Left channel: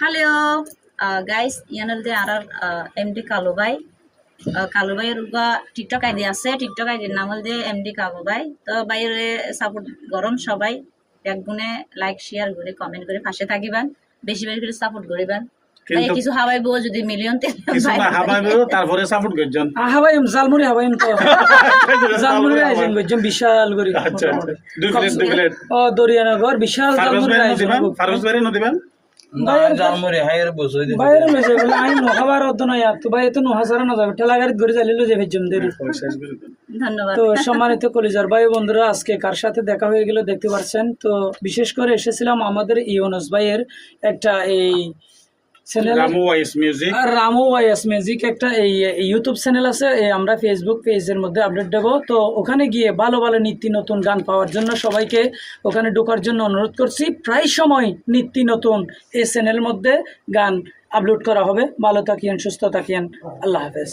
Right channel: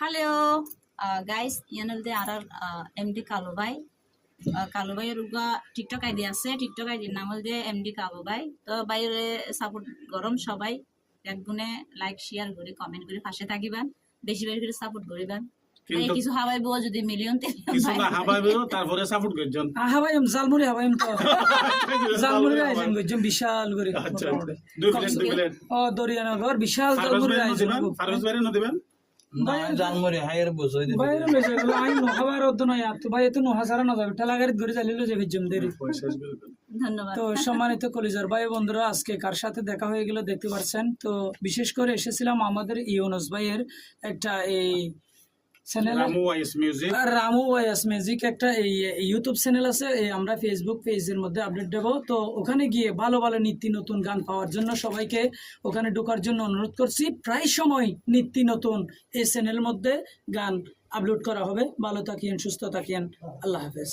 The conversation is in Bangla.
হ্যালো গাইস ইয়ানলদে আর এমডি কালু ভাই আহ, কালু ভাইয়ের উগা টিকটক আইডি আছে। টিকটক আইডির নাম হল এমডি কালু ভাই তো বাইরে সাপোর্ট গরম সবাই। এক গুণে লাইক শেয়ার করে কমেন্ট করে পাশে থাকিবেন। বেশি বেশি করে সাপোর্ট করিবেন। কিছু হাবাইব যদি মিলিয়ন কিছু না হাবাইবে তারপরে সাপোর্ট করছেন হাবাইম জালমুড়ি হাবাইম তো। জালমুড়ি আইছেন গজ্জম বিশাল করে। আচ্ছা আচ্ছা। দুই প্লেট দুই প্লেট। ও দরিয়ানগর বিশাল ভাই নদিবেন বাইরে লইছে বলে আই নখাবার অত নয় আর তো ভাই তো নহা সারা না যাবে। ঠেলা গাড়িত ঘুরে চালিয়ে যে ভেজম দেরি। ধন্যবাদ। তো সম্মানিত কলিজার ভাই বন্ধুরা আজকে কার সাথে দেখা হয়ে গেল দেখতে পাচ্ছেন তো বিশেষ করে এসেছিলাম আমাদের ইউনুস ভাইয়ের একটা এই চ্যানেল রামু ওয়াইস মিউজিক রামু একটা এই ইউটিউব চ্যানেল আছে এই আমরা ফেসবুক পেজের মধ্যে আপডেট দেবো। তো ওখানে গিয়ে ভালো ভালো নিত্য নতুন গান পাওয়ার জন্য সবাইকে ওখানে ঢোকার জন্য অনুরোধ করছি। প্রায় সময় নিত্য নতুন এই চ্যানেলের মধ্যে গান আপলোড করা হবে। ভালো থাকিয়েন সুস্থ থাকিয়েন আল্লাহ হাফেজ।